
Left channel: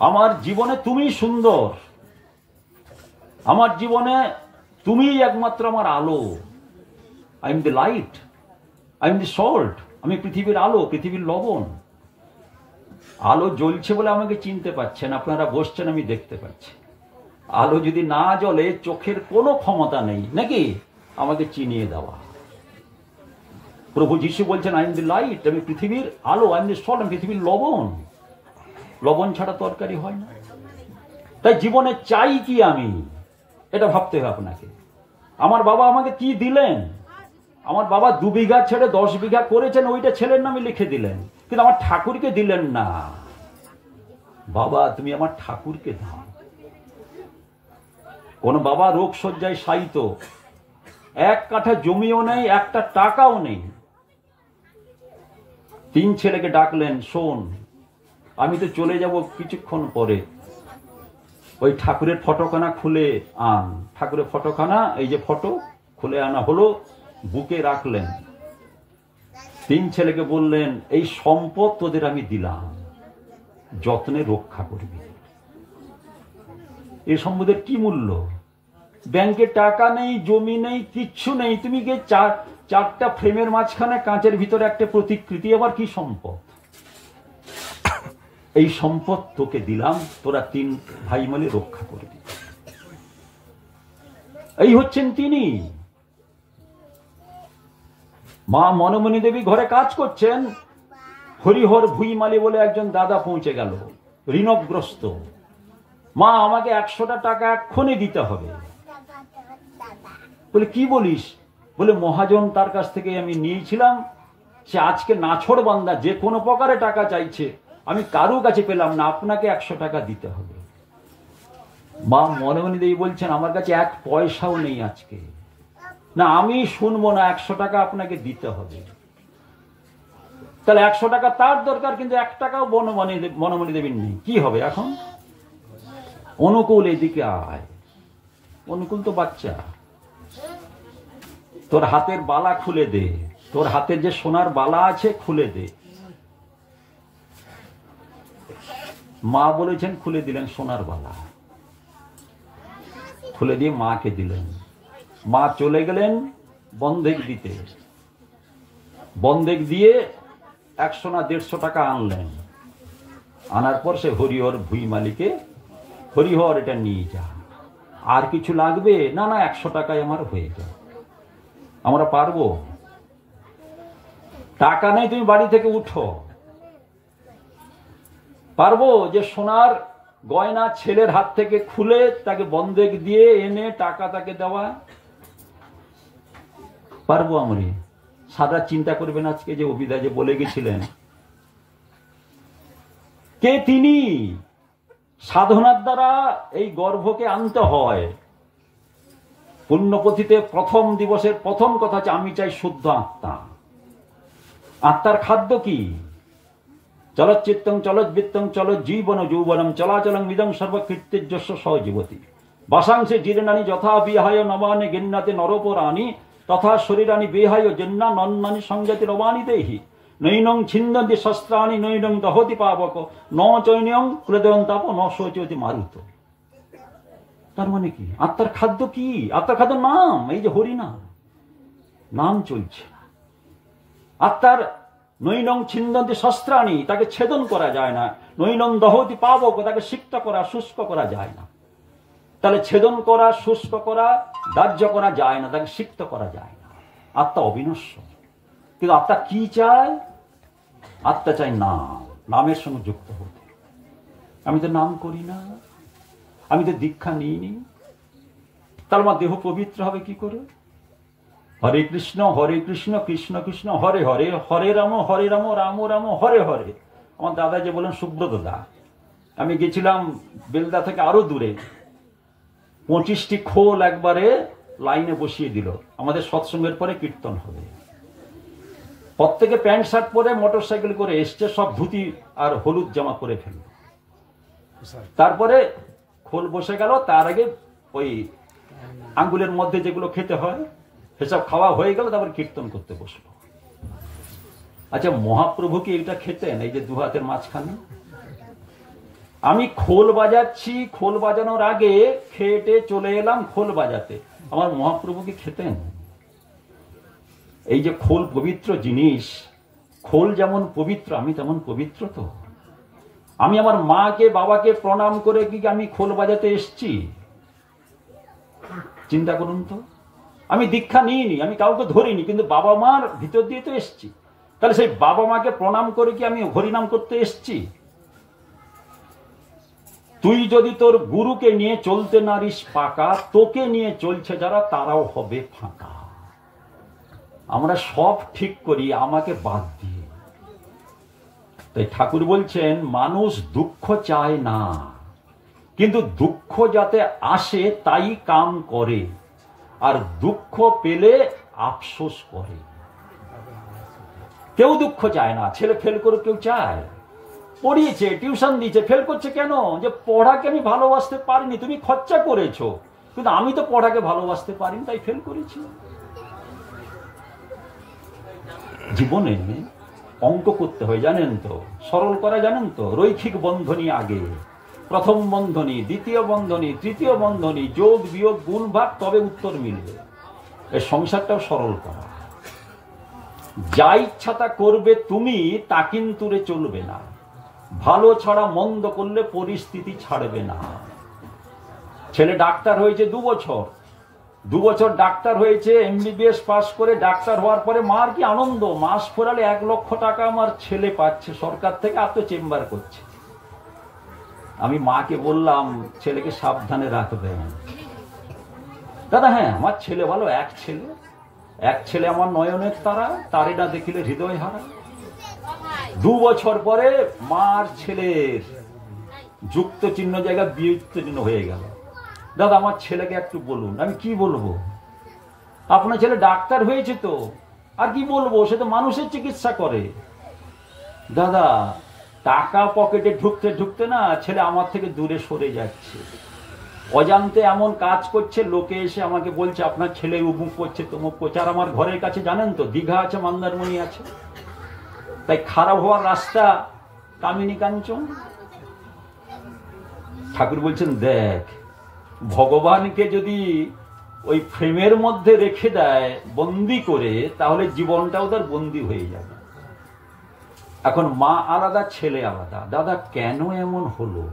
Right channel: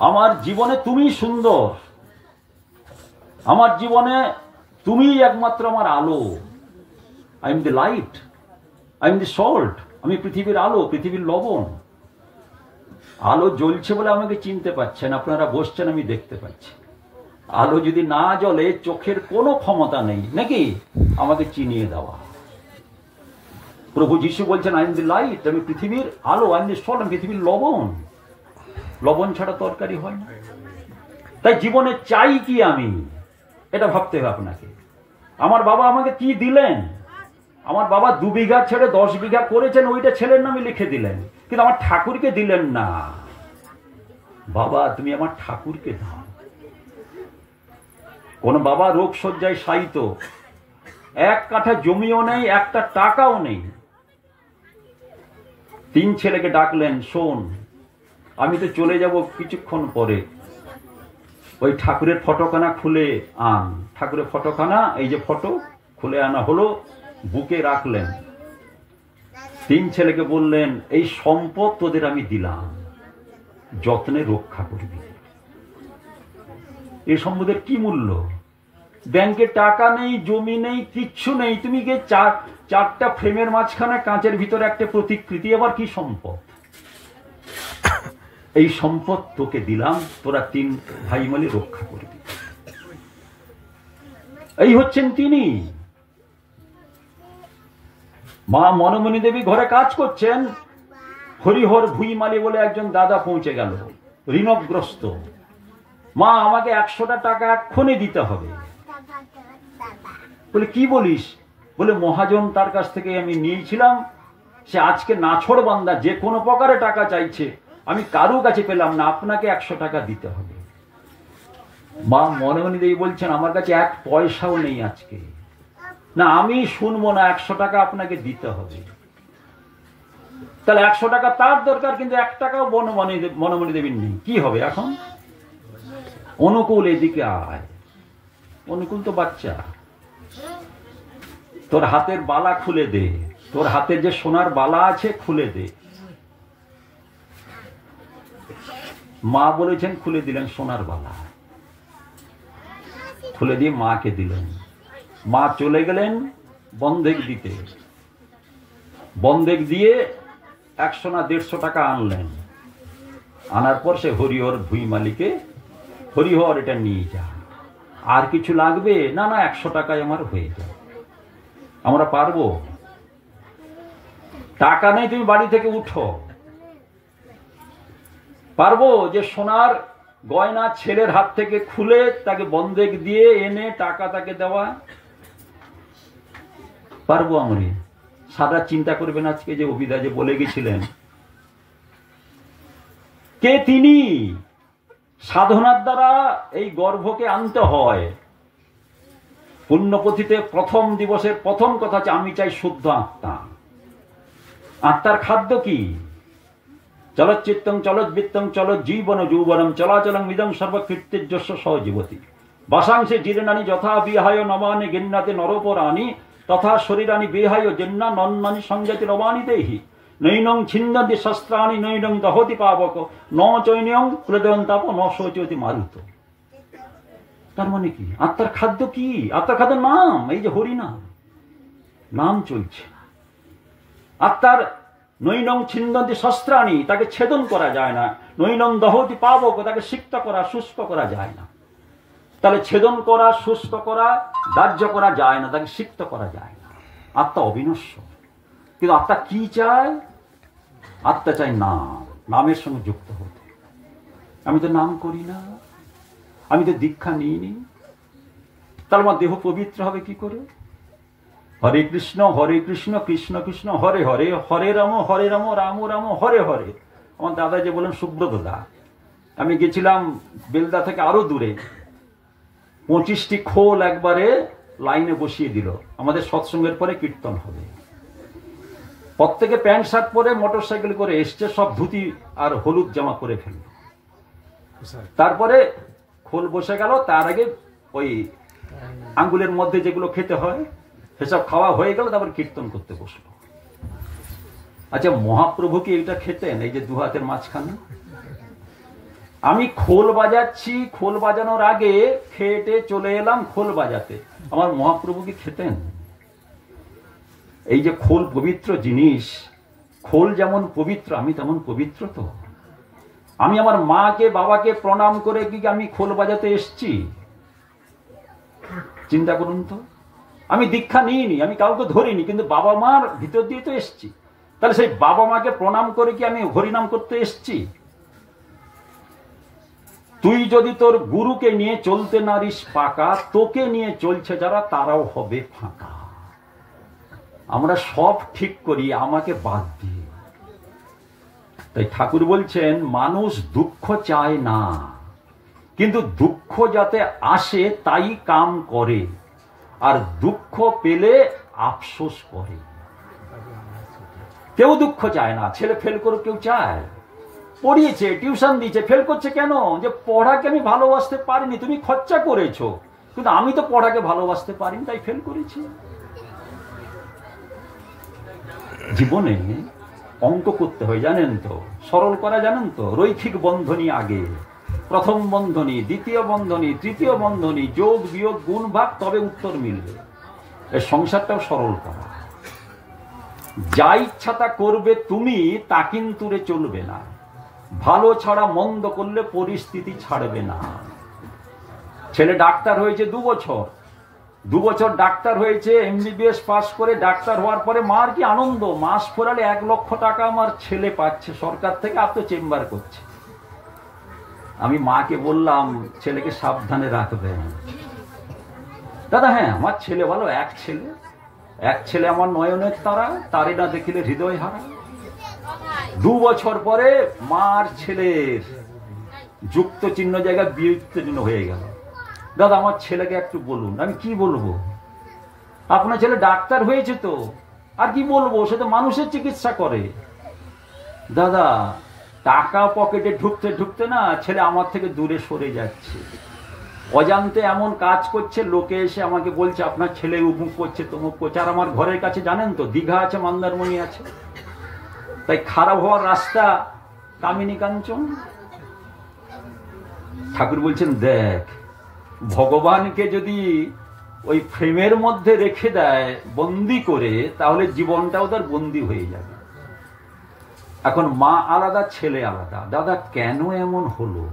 আমার জীবনে তুমি সুন্দর, আমার জীবনে তুমি একমাত্র আমার আলো। I am the light, I am the salt. আমি পৃথিবীর আলো, পৃথিবীর লবণ। আলো জ্বলছে বলে আমাকে চিনতে পারছেন, আপনারা বসছেন, আমি দেখতে পাচ্ছি। আলো যদি না জ্বলে, চোখের কোনো ক্ষমতা নেই নাকি আমাকে চিনিয়ে দেওয়া। প্রভু যিশু বলছেন, আই এম দ্য লাইট, আমি পৃথিবীর আলো, আই এম দ্য সল্ট, আমি পৃথিবীর লবণ। লবণ ছাড়া তরকারি হয় না। তাই জীবনে চাই কি আমি, এটা ভাবতে হবে আপনাকে। আমার বাবা আমাকে কি দিলেন? আমার বাবা 2 বিঘা ছেড়ে 10 বিঘা করেছেন, ওইটা ছেলের নামে লিখে দিলেন, কিন্তু আমার ঠাকুরকে দিলেন না। বাবা, তুমি আমার ঠাকুরকে দাও। কোন বাবা রোগ শয্যায় শায়িত, 1 কাঠা জমিও নেই, 1টা টাকাও নেই। 3 ছেলেকে ডাকলেন, শোন, আমি তো চলে যাব কিছুক্ষণ পরে, ওই ঠাকুরের ফটোখানা খুলে আন। ঠাকুরের ফটোখানা, এই যে ফটো, খুলে আনা হলো, বুকে রাখলেন। 3 ছেলেকে বললেন, এই সম্পদ তোদের আমি দিলাম, যত্নে রক্ষা করবি। এই সম্পদের কি মূল্য? ব্যাংকে টাকা নেই, জমি নেই, কিচ্ছু নেই, তুমি গিয়ে 4টা ফ্রেমের মাঝখানে কাঁচের ভিতরে একটা প্রতিকৃতি, আবার কি সম্পদ? এই সম্পদ তোকে দিলাম, তোরা 3 ভাই মিলে রক্ষা করবি। এই হচ্ছেন তিনি। মা মনমণি দেবী ঘরে কাজ করছেন, হরিহর ভুইমালি বলে একজন দাদা পৌঁছে গেল, ঋণগ্রস্ত। মা, আমাকে 100টা টাকা এক্ষুনি দিতে হবে। বলে, কি বলিস? বলে, মহাজন তার কাছ থেকে আমি নিয়েছিলাম, সে আজকে নাছোড় বান্দা, যে কোনো প্রকারে টাকা চাইছে, আমি কারো কাছে পেলাম না, আপনাকে 100 টাকা দিতে হবে। মা মনমণি দেবী বলছেন, আমার কাছে 1 পয়সাও নেই আজকে। না, আমি শুনবো না, 100 টাকা আপনাকে দিতে হবে। তাহলে 100 টাকা তার দরকার, কিন্তু 1 টাকাও মনমণি দেবীর নেই। কি হবে এখন? অনুকূল, এদিকে আয়। অনুকূল তো বাচ্চা, তোর হাতের বালা খুলে দে, তোর হাতের যে সোনার বালা আছে খুলে দে। মা বলেছেন, খুলে দিলেন সোনার বালা, খুলে দিয়ে মাকে দিলেন। মা চলে গেলেন বন্ধক দিতে। বন্ধক দিয়ে 100 না 150 টাকা আনলেন। আনার পর সে হরিহর ভুইমালিকে, হরিহর এটা নিয়ে যা, আর কিছু লাগবে? না না, 100 টাকায় আমার হয়ে যায়। আমরা পারবো? টাকা নেই, তুমি বাড়ি থেকে উঠো। পারবো যে সোনার গয়না ছেলের হাত থেকে খুলে তাকে বন্ধক দিয়ে এনে টাকা তাকে দেওয়া? পারবো আমরা? সারা চিন্তা করবেন আজকে যে অভিদা যে বলে গেছিলেন, কে তিনি? সাধনার দ্বারা এই গর্ভকে আনতে হয়। পুণ্যপথিতে প্রথম দিবসের প্রথম কথা হচ্ছে, আমি চাই শুদ্ধ আত্মা। আত্মার খাদ্য কি? চলচ্চিত্তং চলজ্বিত্তং চলজ্জীবন যৌবনম চলাচলং ইদং সর্বকৃত্যজ্যস্য সহজীবতি বাসাংশে জীর্ণানি যথা বিহায় নমানি গিন্নাতে নরপরাণি তথা শরীরানি বিহায় জেন্না নন্নানি সংজাতি রবানি দেহি নৈনং ছিন্দন্তি শস্ত্রাণি নৈনং দহতি পাবক ন চৈনং প্রদয়ন্তাপ ন শোচতি মারুত। তার মানে কি? আত্মার খাদ্য কি? আত্মার খাদ্য নাম, এই যে হরি নাম, নাম চলছে। আত্মার নৈনং ছিন্দন্তি শস্ত্রাণি, তাকে ছেদন করা যায় না। নৈনং দহতি পাবক, তাকে সিক্ত করা, শুষ্ক করা যায় না। তাহলে ছেদন করা, শুষ্ক করা, দাহ্য করা যায় না, তাকে সিক্ত করা যায় না। আত্মা অবিনশ্বর। কিন্তু আত্মা কি চায়? আত্মা চাই নাম, নামের সঙ্গে যুক্ত হতে। আমি তো নাম করি না, আমি তো দীক্ষা নিইনি, তাহলে আমার দেহ পবিত্র হবে কি করে? হরে কৃষ্ণ কৃষ্ণ কৃষ্ণ হরে হরে, হরে রাম রাম রাম হরে হরে। আমার দাদা যে বলেন, সুব্রত দা, আমি গেছিলাম বেলদা থেকে আরো দূরে, 25টি খোল একবারে লাইনে বসিয়ে দিল। আমাদের সৎসঙ্গের পরে কীর্তন হবে, প্রত্যেকে প্যান্ট শার্ট পরে মোটর সাইকেল করে এসছে, সব ধুতি আর হলুদ জামা পরে ফেলল। তারপরে খোল বসে গেল, তার আগে ওই আঙ্গুলের মধ্যে যেগুলো খেতে হয় সেসব খাওয়া হয়ে গেল, তারপর কীর্তন করতে বসলো। আচ্ছা, মহাপ্রভু কি এটা খেতেন? এই যে দু হাতের মাঝখানে আমি খোল বাজাচ্ছি, খোল বাজানোর আগে খেটে চলে এলাম খোল বাজাতে। আমার মহাপ্রভু কি খেতেন? এই যে খোল পবিত্র জিনিস, খোল যেমন পবিত্র, আমি তেমন পবিত্র তো। আমি আমার মাকে বাবাকে প্রণাম করে কি আমি খোল বাজাতে এসছি? চিন্তা করুন তো। আমি দীক্ষা নিইনি, আমি কাউকে ধরিনি, কিন্তু বাবা মার ভিতর দিয়ে তো এসছি। তাহলে সেই বাবা মাকে প্রণাম করে কি আমি হরিনাম করতে এসছি? তুই যদি তোর গুরুকে নিয়ে চলতে নারিস পাকা, তোকে নিয়ে চলছে যারা তারাও হবে ফাঁকা। আমরা সব ঠিক করি আমাকে বাদ দিয়ে। তাই ঠাকুর বলছেন, মানুষ দুঃখ চায় না, কিন্তু দুঃখ যাতে আসে তাই কাম করে, আর দুঃখ পেলে আফসোস করে। কেউ দুঃখ চায় না। ছেলে ফেল করে কেউ চায়? পড়িয়েছে, টিউশন দিয়েছে, ফেল করছে কেন? যে পড়াকে আমি ভালোবাসতে পারিনি। তুমি খরচা করেছো, কিন্তু আমি তো পড়াকে ভালোবাসতে পারিনি, তাই ফেল করেছি। জীবনে অঙ্ক করতে হয়, জানেন তো, সরল করা জানেন তো। রৈখিক বন্ধনী আগে, প্রথম বন্ধনী, দ্বিতীয় বন্ধনী, তৃতীয় বন্ধনী, যোগ বিয়োগ গুণ ভাগ, তবে উত্তর মিলবে। এই সংসারটাও সরল করা। যা ইচ্ছা তা করবে তুমি, তা কিন্তু রে চলবে না। ভালো ছাড়া মন্দ করলে পরিস্থিতি ছাড়বে না। ছেলে ডাক্তার হয়েছে 2 বছর, 2 বছর ডাক্তার হয়েছে, এমবিবিএস পাস করে ডাক্তার হওয়ার পরে মার কি আনন্দ, মাস ফোরালে 1 লক্ষ টাকা আমার ছেলে পাচ্ছে সরকার থেকে, আর তো চেম্বার করছে। আমি মাকে বললাম, ছেলেকে সাবধানে রাখবেন। দাদা, হ্যাঁ আমার ছেলে ভালো, এক ছেলে আমার নয়নের তারা, তারে না দেখিলে হৃদয় হারা। 2 বছর পরে মার ছেলের যুক্ত চিহ্ন জায়গায় বিযুক্ত চিহ্ন হয়ে গেল। দাদা, আমার ছেলেকে একটু বলুন। আমি কি বলবো? আপনার ছেলে ডাক্তার হয়েছে তো, আর কি বলবো, সে তো মানুষের চিকিৎসা করে। দাদা, টাকা পকেটে ঢুকতে ঢুকতে না ছেলে আমার থেকে দূরে সরে যাচ্ছে। অজান্তে এমন কাজ করছে, লোকে এসে আমাকে বলছে আপনার ছেলে উমুক করছে তমুক করছে। আর আমার ঘরের কাছে জানেন তো দীঘা আছে, মন্দারমণি আছে, তাই খারাপ হওয়ার রাস্তা কামিনী কাঞ্চন। ঠাকুর বলছেন, দেখ, ভগবানকে যদি ওই ফ্রেমের মধ্যে রেখে দেয় বন্দি করে, তাহলে জীবনটাও তার বন্দি হয়ে যাবে। এখন মা আলাদা, ছেলে আলাদা। দাদা, কেন এমন হলো?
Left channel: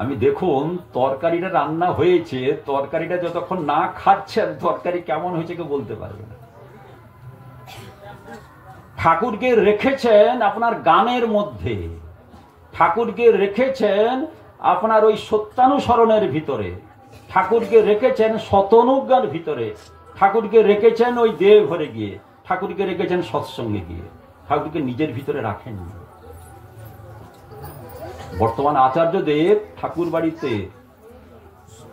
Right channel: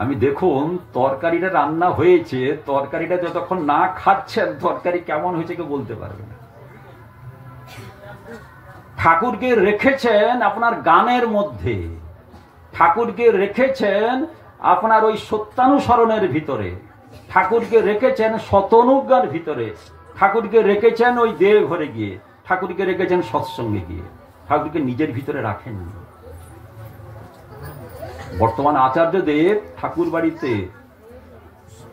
আমি দেখুন, তরকারিটা রান্না হয়েছে, তরকারিটা যতক্ষণ না খাচ্ছেন তরকারি কেমন হয়েছে কেউ বলতে পারবে না। ঠাকুরকে রেখেছেন আপনার গানের মধ্যে, ঠাকুরকে রেখেছেন আপনার ওই সত্যানুসরণের ভিতরে, ঠাকুরকে রেখেছেন শতনুজ্ঞার ভিতরে, ঠাকুরকে রেখেছেন ওই দেব ঘরে গিয়ে, ঠাকুরকে রেখেছেন সৎসঙ্গে গিয়ে, ঠাকুরকে নিজের ভিতরে রাখেননি। বর্তমান আচার্যদেব ঠাকুর বাড়িতে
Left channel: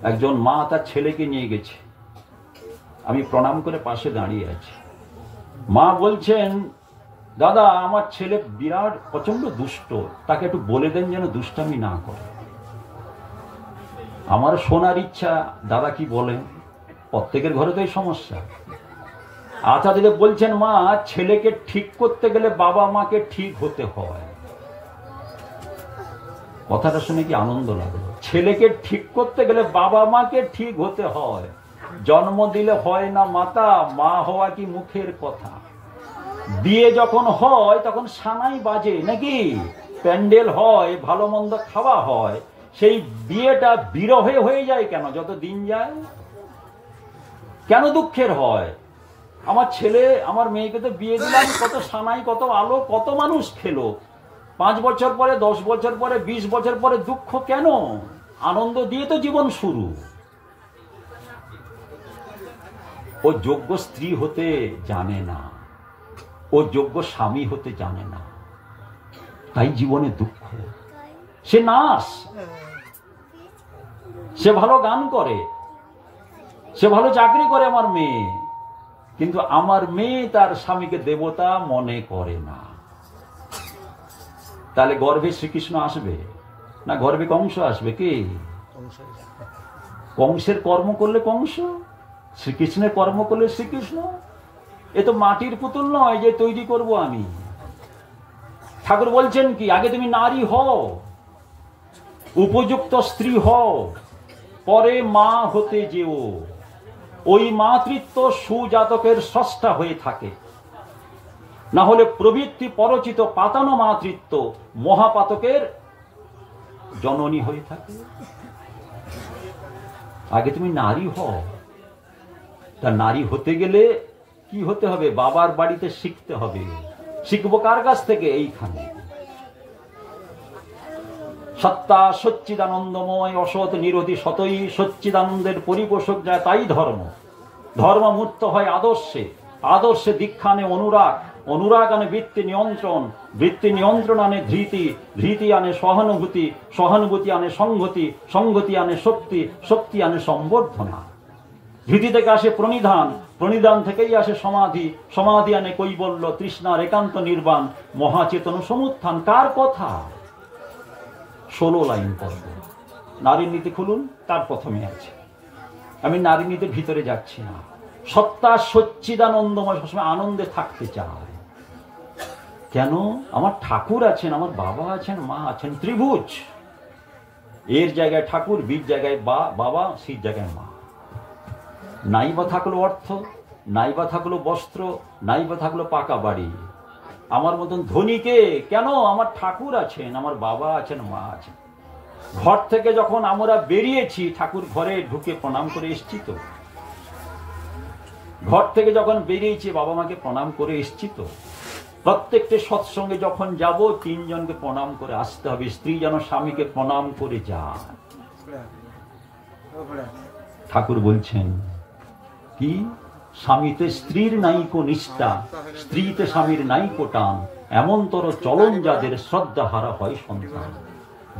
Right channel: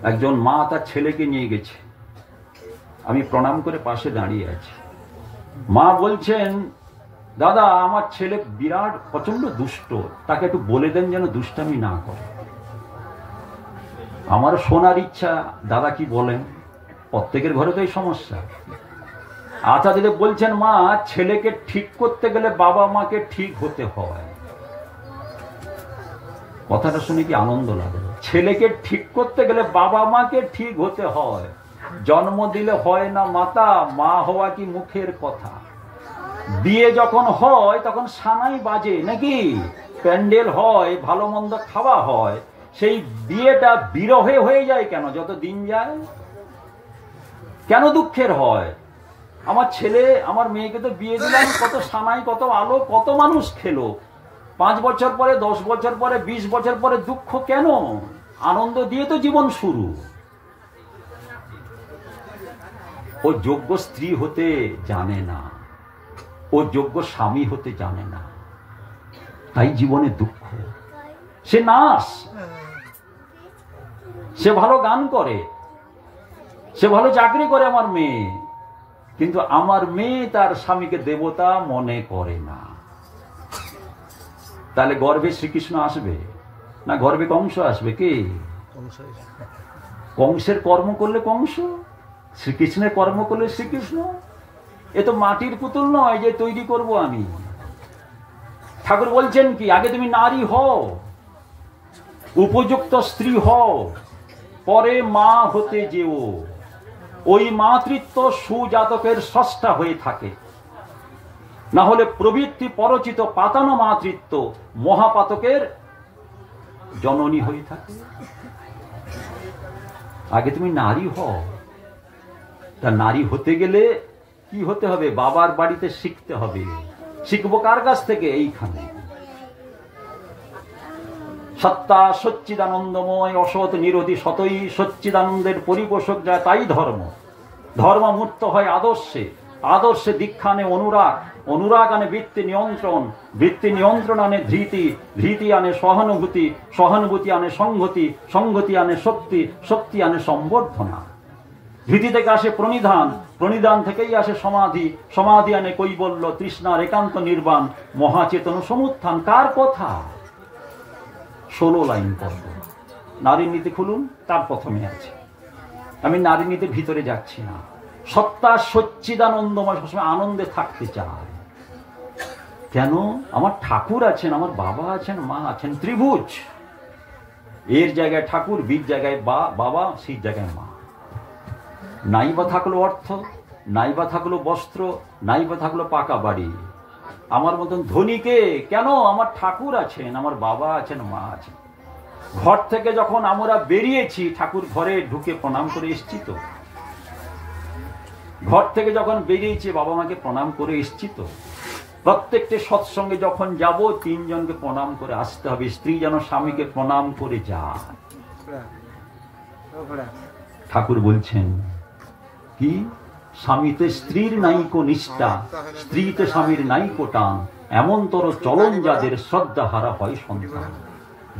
একজন মা তার ছেলেকে নিয়ে গেছে। আমি প্রণাম করে পাশে দাঁড়িয়ে আছি। মা বলছেন, দাদা, আমার ছেলে বিরাট প্রচন্ড দুষ্ট, তাকে একটু বলে দেন যেন দুষ্টামি না করে। আমার শোনার ইচ্ছা, দাদা কি বলেন? প্রত্যেকের ঘরে তো এই সমস্যা। আচার্যদেব বলছেন, মা, ছেলেকে ঠিক করতে গেলে বাবা মাকে ঠিক হতে হয়। কথাটা শুনে কি আনন্দ লাগলো। ছেলেকে ঠিক করতে গেলে বাবা মাকে ঠিক হতে হয়। জন্ম দিলে হয় না মাতা, মা হওয়া কি মুখের কথা। বিয়ে যখন হয় তখন সানাই বাজে নাকি, প্যান্ডেল হয়, ভালো মন্দ খাওয়া হয়। সেই বিয়েটা বিরহে হয়ে যায় কেন যত দিন যায়? কেন দুঃখের হয়? আমার ছেলে আমার মেয়েকে তো বিয়ে দিলাম, কত সানাই, কত আলো, কত মানুষ খেলো। 5 বছর পরে, 10 বছর পরে, 20 বছর পরে দুঃখ কেন? আনন্দ দিয়ে তো জীবন শুরু। ও যোগ্য স্ত্রী হতে জানে না, ও যোগ্য স্বামী হতে জানে না, তাই জীবনে দুঃখ। সে নার্স, সে ভালো গান করে, সে ভালো চাকরি করে আমার মেয়ে, কিন্তু আমার মেয়ে তার স্বামীকে দেবতা মনে করে না। তাহলে গর্ভে শ্রীকৃষ্ণ আসবে না গর্ভে কংস আসবে? কে? কংসের কর্ম করলে কংস, শ্রীকৃষ্ণের কর্ম করলে শ্রীকৃষ্ণ। এ তো মাটির পুতুল নয় যে তৈরি করব আমি। ঠাকুর বলছেন কি, আগে তুমি নারী হও, উপযুক্ত স্ত্রী হও, পরে মা হতে যেও। ওই মাতৃত্ব সুজাতকের স্রষ্টা হয়ে থাকে, না হলে প্রবৃত্তি পরচিত পাতানো মাতৃত্ব মহাপাতকের জননী হয়ে থাকে। আগে তুমি নারী হও। তা নারী হতে গেলে কি হতে হবে? বাবার বাড়িতে শিখতে হবে। শিখবো কার কাছ থেকে? এইখানে। সত্তা সচ্চিদানন্দময়, অসৎ নিরোধী সতই সচ্চিদানন্দের পরিপোষক যা, তাই ধর্ম। ধর্ম মূর্ত হয় আদর্শে, আদর্শে দীক্ষা আনে অনুরাগ, অনুরাগ আনে বৃত্তি নিয়ন্ত্রণ, বৃত্তি নিয়ন্ত্রণ আনে ধৃতি, ধৃতি আনে সহানুভূতি, সহানুভূতি আনে সংহতি, সংহতি আনে শক্তি, শক্তি আনে সম্বর্ধনা। ধৃতি থেকে আসে প্রণিধান, প্রণিধান থেকেই আসে সমাধি, সমাধি আনে কৈবল্য, তৃষ্ণার একান্ত নির্বাণ, মহাচেতন সমুত্থান। কার কথা? 16 লাইন পড়ব। নারী নীতি খুলুন, তার প্রথমে আছে। আমি নারী নীতির ভিতরে যাচ্ছি না। সত্তা সচ্চিদানন্দময়, সবসময় আনন্দে থাকতে চায়। কেন? আমার ঠাকুর আছেন, আমার বাবা আছেন, মা আছেন। ত্রিভুজ, এর জায়গায় ঠাকুর, বীর জায়গায় বাবা, সির জায়গায় মা। নাই বা থাকলো অর্থ, নাই বা থাকলো বস্ত্র, নাই বা থাকলো পাকা বাড়ি, আমার মতন ধনীকে কেন? আমার ঠাকুর আছেন, আমার বাবা আছেন, মা আছেন। ঘর থেকে যখন আমরা বেরিয়েছি, ঠাকুর ঘরে ঢুকে প্রণাম করে এসছি তো। ঘর থেকে যখন বেরিয়েছি, বাবা মাকে প্রণাম করে এসছি তো। প্রত্যেকটা সৎসঙ্গে যখন যাব, 3 জনকে প্রণাম করে আসতে হবে। স্ত্রী যেন স্বামীকে প্রণাম করে যায়। ঠাকুর বলছেন কি? স্বামীতে স্ত্রীর নাইকো নিষ্ঠা, স্ত্রীতে স্বামীর নাইকো টান, এমনতর চলন যাদের শ্রদ্ধা হারা হয় সন্তান।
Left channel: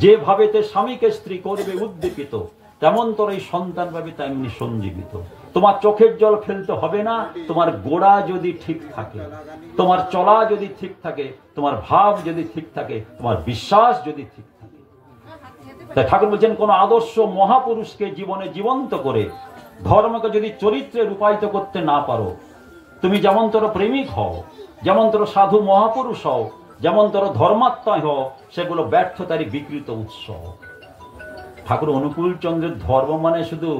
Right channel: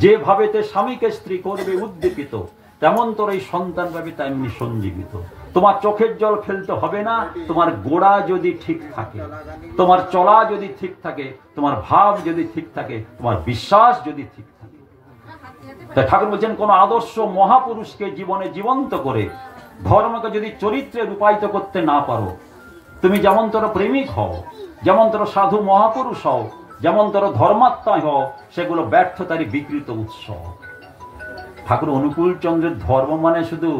যেভাবেতে স্বামীকে স্ত্রী করবে উদ্দীপিত, তেমন তোর এই সন্তান পাবে তেমনি সঞ্জীবিত। তোমার চোখের জল ফেলতে হবে না, তোমার গোড়া যদি ঠিক থাকে, তোমার চলা যদি ঠিক থাকে, তোমার ভাব যদি ঠিক থাকে, তোমার বিশ্বাস যদি ঠিক থাকে। তাই ঠাকুর বলছেন, কোন আদর্শ মহাপুরুষকে জীবনে জীবন্ত করে ধর্মকে যদি চরিত্রে রূপায়িত করতে না পারো, তুমি যেমন তোর প্রেমিক হও, যেমন তোর সাধু মহাপুরুষ হও, যেমন তোর ধর্মাত্মা হও, সেগুলো ব্যর্থতারই বিকৃত উৎস। ঠাকুর অনুকূল চন্দ্রের ধর্ম মানে শুধু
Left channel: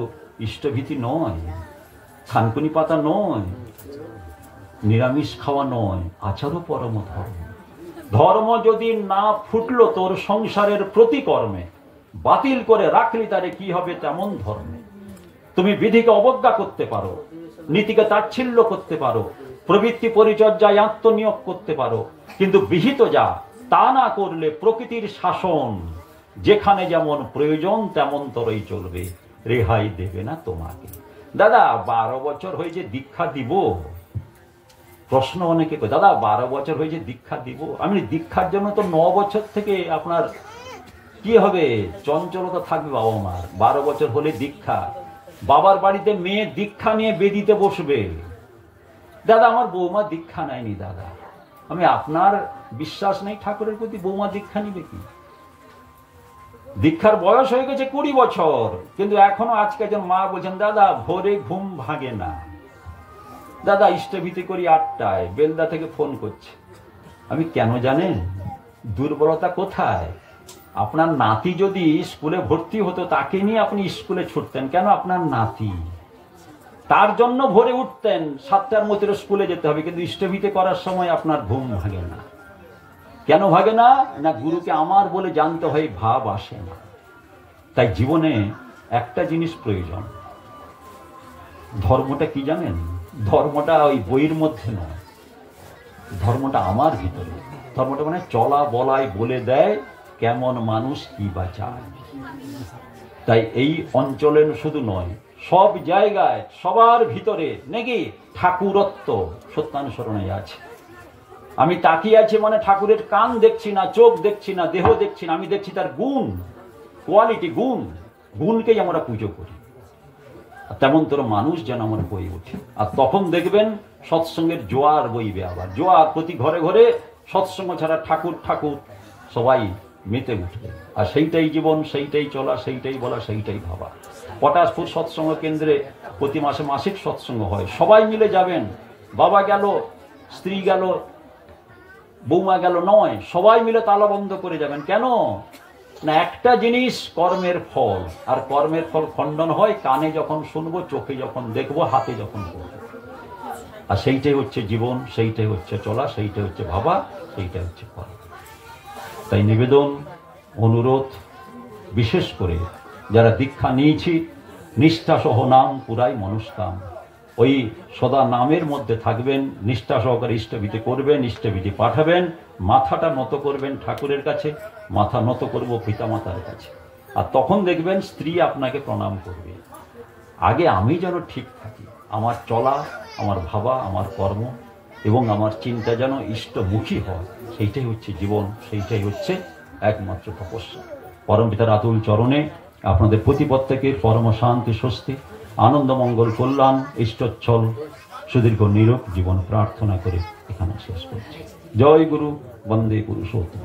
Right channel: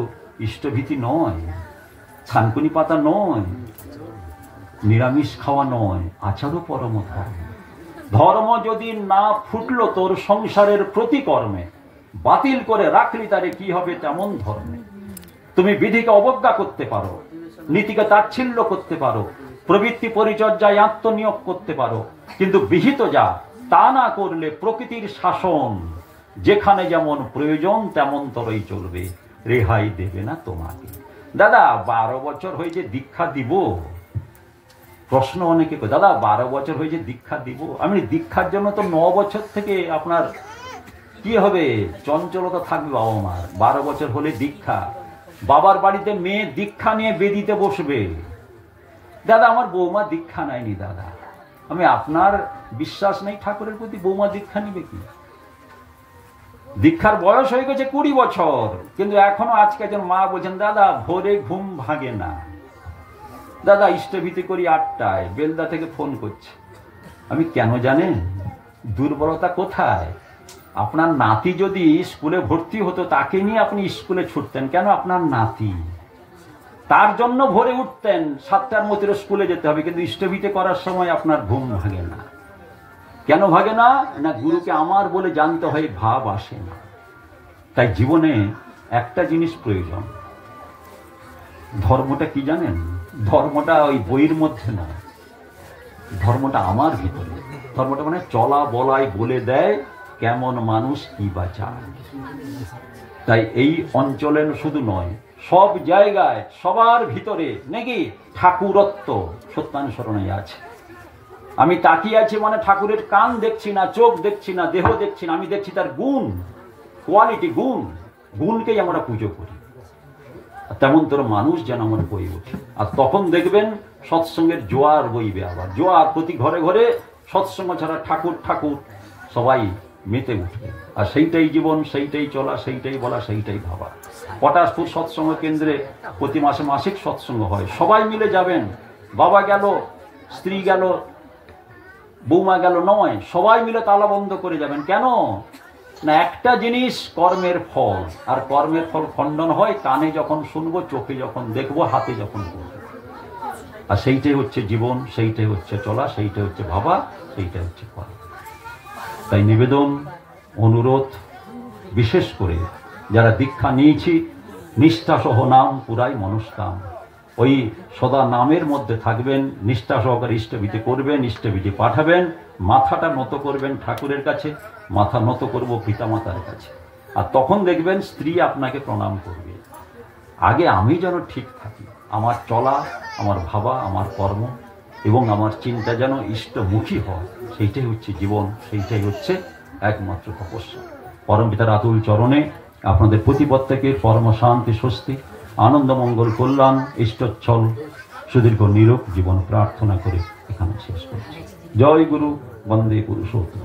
ইষ্টভীতি নয়, থানকুনি পাতা নয়, নিরামিষ খাওয়া নয়, আচারও পরম ধর্ম। ধর্ম যদি না ফুটলো তোর সংসারের প্রতিকর্মে, বাতিল করে রাখলি তারে কি হবে তেমন ধর্মে। তুমি বিধিকে অবজ্ঞা করতে পারো, নীতিকে তাচ্ছিল্য করতে পারো, প্রবৃত্তি পরিচর্যায় আত্মনিয়োগ করতে পারো, কিন্তু বিহিত যা তা না করলে প্রকৃতির শাসন যেখানে যেমন প্রয়োজন তেমন তরই চলবে, রেহাই দেবে না তোমাকে। দাদা 12 বছর হয়েছে দীক্ষা দিব? প্রশ্ন অনেকে করে, দাদা 12 বছর হয়েছে দীক্ষা দিব? আমি দীক্ষার জন্য তো 9 বছর থেকে আপনার কি হবে, চঞ্চলতা থাকবে বাবা মার। 12 বছর হলে দীক্ষা। বাবার বাড়িতে মেয়ে দীক্ষা নিয়ে বেদিতে বসবে, দাদা আমার বৌমা দীক্ষা নেয়নি। দাদা আমি আপনার বিশ্বাস নেই ঠাকুরের প্রতি, বৌমা দীক্ষা নিবে কি? দীক্ষার বয়স হয়ে গেছে 20 বছর, কিন্তু এখনো আজকে একজন মা বলছেন, দাদা ভোরে ঘুম ভাঙে না, দাদা ইষ্টভীতি করি 8টায়, বেলদা থেকে ফোন করছে। আমি কেন জানেন? দুর্বলতা কোথায়? আপনার নাতি যদি স্কুলে ভর্তি হতো, তাকে নিয়ে আপনি স্কুলে ছুটতেন কেন? আপনার নাতি, তার জন্য ভোরে উঠতেন, 7টার মধ্যে স্কুলে যেতে হবে, কিন্তু ইষ্টভীতি করার সময় আপনার ঘুম ভাগে না। কেন ভাগে না? না, গুরুকে আমার বলে জানতে হয়, ভাব আসে না। তাই জীবনে একটা জিনিস প্রয়োজন। ধর্মটা কি জানেন? ধর্মটা ওই বইয়ের মধ্যে নয়, ধর্মটা আমার ভিতরে। ধর্মটা মানে চলা বলাই বলে দেয় কেমন মানুষ কি বা চায়। তাই এই অঞ্চলে শুধু নয়, সব জায়গায় সবার ভিতরে নাকি ঠাকুরত্ব সত্যানুসরণে আছে। আমি তাকিয়ে আছি মানে ঠাকুরের কান দেখছি না, চোখ দেখছি না, দেহ দেখছি না, আমি দেখছি তার গুণ, কোয়ালিটি, গুণকেই আমরা পুজো করি। তেমন তোর মানুষ যেন আমার বই ওঠে। আর তখন দেখবেন সৎসঙ্গের জোয়ার বইবে। আবার জোয়ার, প্রতি ঘরে ঘরে সৎসঙ্গ ছাড়া ঠাকুর ঠাকুর সবাই মেতে উঠবে। আর সেইটাই জীবন, সেইটাই চলা, সেইটাই বলা, সেইটাই ভাবা। পটাশপুর সৎসঙ্গ কেন্দ্রে প্রতি মাসে মাসিক সৎসঙ্গ হয়, সবাই মিলে যাবেন। বাবা গেল, স্ত্রী গেল, বৌমা গেল নয়, সবাই মিলে তালা বন্ধ করে যাবেন। কেন না, একটা জিনিস কর্মের ফল, আর কর্মের ফল খণ্ডন হয় কানে যখন শুনবো, চোখে যখন দেখবো, হাতে যখন করবো। আর সেইটাই হচ্ছে জীবন, সেইটাই হচ্ছে চলা, সেইটাই হচ্ছে ভাবা, সেইটাই হচ্ছে কর্ম। তাই নিবেদন, অনুরোধ, বিশেষ করে যারা দীক্ষা নিয়েছি, নিষ্ঠাসহ নাম পুরাই মনস্কাম। ওই সদা নামের মধ্যে থাকবেন, নিষ্ঠা সহকারে ইষ্টভীতি করবেন, ইষ্টভীতি পাঠাবেন, মাথাটা নত করবেন ঠাকুরের কাছে, মাথা নত করব পিতামাতার কাছে। আর তখন দেখবেন স্ত্রী আপনাকে প্রণাম করবে। আগে আমি যেন ঠিক থাকি, আমার চলা, আমার ভাবা, আমার কর্ম এবং আমার চিন্তা যেন ইষ্টমুখী হয়। সেইটাই হচ্ছে জীবন, সেইটাই হচ্ছে একমাত্র তপস্যা। পরম পিতার আতুল চরণে আপনাদের প্রতি প্রত্যেকের পরম শান্তি, স্বস্তি, আনন্দ, মঙ্গল, কল্যাণ, ইষ্টচ্ছল, সুদীর্ঘ নিরোগ জীবন প্রার্থনা করে এখানে শেষ করছি। জয় গুরু, বন্দে পুরুষোত্তম।